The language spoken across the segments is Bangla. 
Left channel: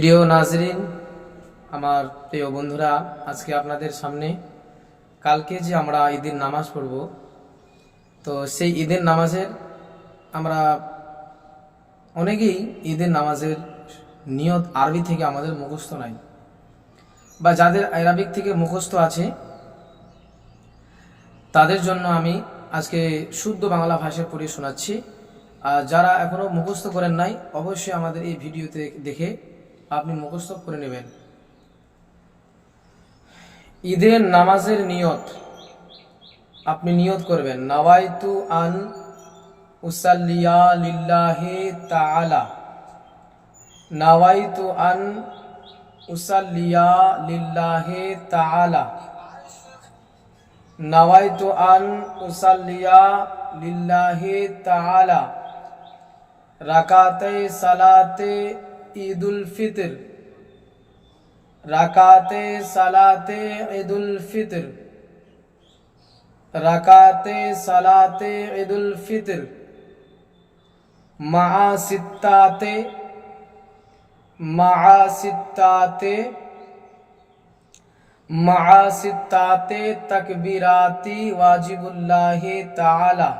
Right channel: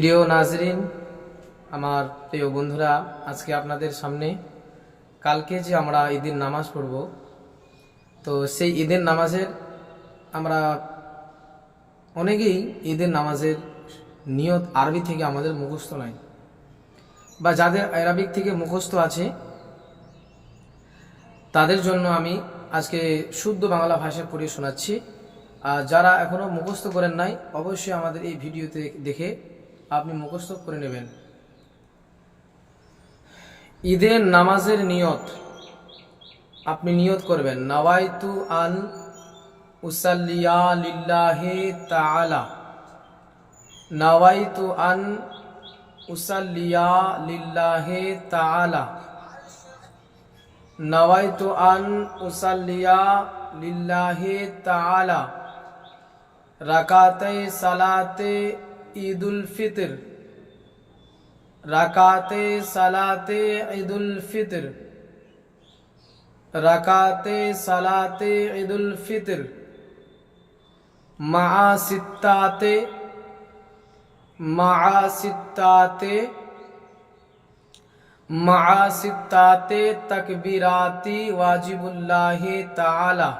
প্রিয় নাজরিন, আমার প্রিয় বন্ধুরা, আজকে আপনাদের সামনে কালকে যে আমরা ঈদের নামাজ পড়ব, তো সেই ঈদের নামাজের আমরা অনেকেই ঈদের নামাজের নিয়ত আরবি থেকে আমাদের মুখস্থ নাই, বা যাদের আরবিক থেকে মুখস্থ আছে তাদের জন্য আমি আজকে শুদ্ধ বাংলা ভাষায় পড়ে শোনাচ্ছি। আর যারা এখনও মুখস্থ করেন নাই, অবশ্যই আমাদের এই ভিডিওতে দেখে আপনি মুখস্থ করে নেবেন। ঈদের নামাজের নিয়ত আপনি নিয়ত করবেন, নাওয়াইতু আন উসাল্লিয়া লিল্লাহি তাআলা, নাওয়াইতু আন উসাল্লিয়া লিল্লাহি তাআলা, নাওয়াইতু আন উসাল্লিয়া লিল্লাহি তাআলা রাকাতে সালাতে ঈদুল ফিতর, রাকাতে সালাতে ঈদুল ফিতর, রাকাতে সালাতে ঈদুল ফিতর মা সিত্তাতে, মা সিত্তাতে, মা সিত্তাতে তাকবীরাতি ওয়াজিবুল্লাহি তাআলা,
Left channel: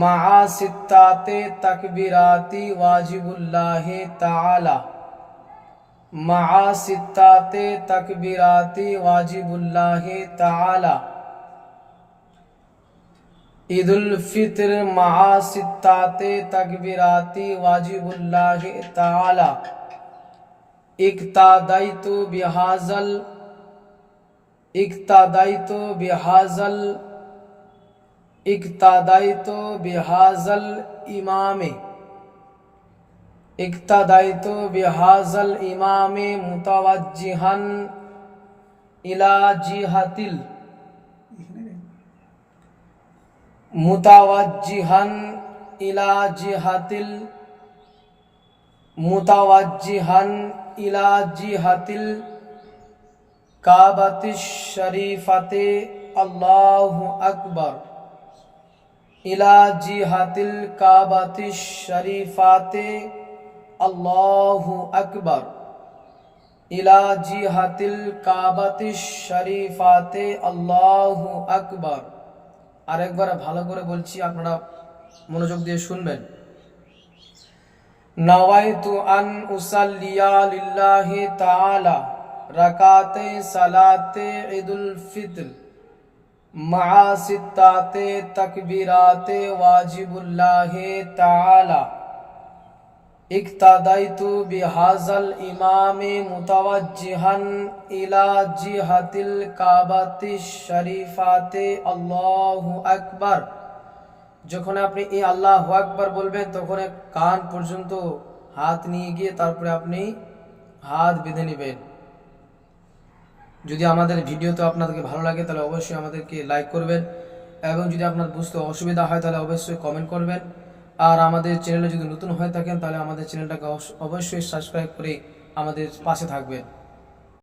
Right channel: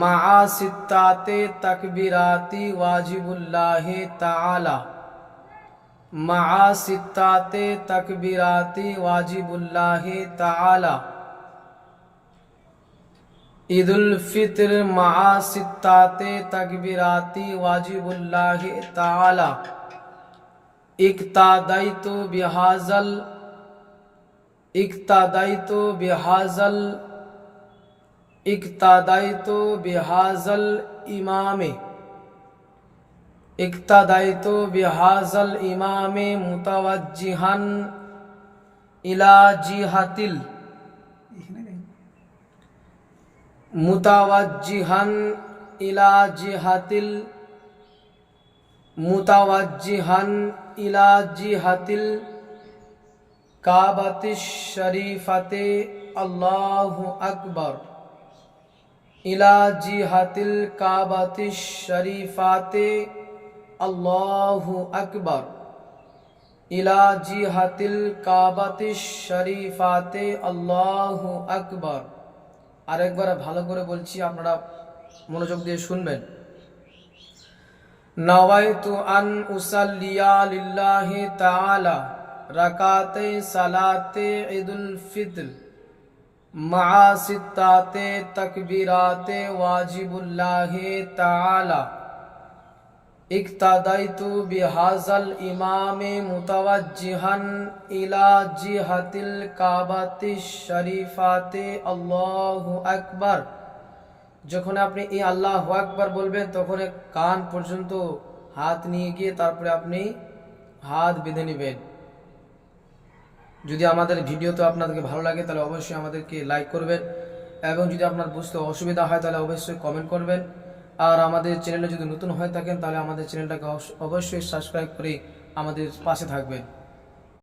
মা সিত্তাতে তাকবীরাতি ওয়াজিবুল্লাহি তাআলা, মা সিত্তাতে তাকবীরাতি ওয়াজিবুল্লাহি তাআলা। ঈদুল ফিতর মা সিত্তাতে তাকবীরাতি ওয়াজিবুল্লাহি তাআলা। ইকতাদাইতু বিহাজাল, ইকতাদাইতু বিহাজাল, ইকতাদাইতু বিহাজাল ইমামে, ইকতাদাইতু বিহাজাল ইমামে মুতাওয়াজ্জিহান ইলা জিহাতিল, মুতাওয়াজ্জিহান ইলা জিহাতিল, মুতাওয়াজ্জিহান ইলা জিহাতিল কাবাতিশ শরীফাতে আল্লাহু আকবার, ইলা জিহাতিল কাবাতিশ শরীফাতে আল্লাহু আকবার, ইলা জিহাতিল কাবাতিশ শরীফাতে আল্লাহু আকবার। আরেকবার ভালো করে বলছি, আপনারা মনোযোগ দিয়ে শুনবেন। নাওয়াইতু আন উসাল্লিয়া লিল্লাহি তাআলা রাকাতে সালাতে ঈদুল ফিতর মা সিত্তাতে তাকবীরাতে ওয়াজিবুল্লাহি তাআলা। ইকতাদাইতু বিহাজাল ইমামে মুতাওয়াজ্জিহান ইলা জিহাতিল কাবাতিশ শরীফাতে আল্লাহু আকবার। যখন আপনি এই আল্লাহু আকবার বলবেন, তখন কান পর্যন্ত হাত নিয়ে গিয়ে তারপরে আপনি হাত বেঁধে নেবেন। যদি আমাদের ভিডিওতে আপনাদেরকে ভালো লাগে তাহলে অবশ্যই আমাদেরকে লাইক করবেন, এবং যদি আপনার বুঝতে অসুবিধা হয় তাহলে অবশ্যই কমেন্ট করবেন। আর আমাদের চ্যানেলে যদি নতুন হয়ে থাকেন তাহলে আমাদের চ্যানেলটাকে অবশ্যই সাবস্ক্রাইব করে আমাদের পাশে থাকবেন।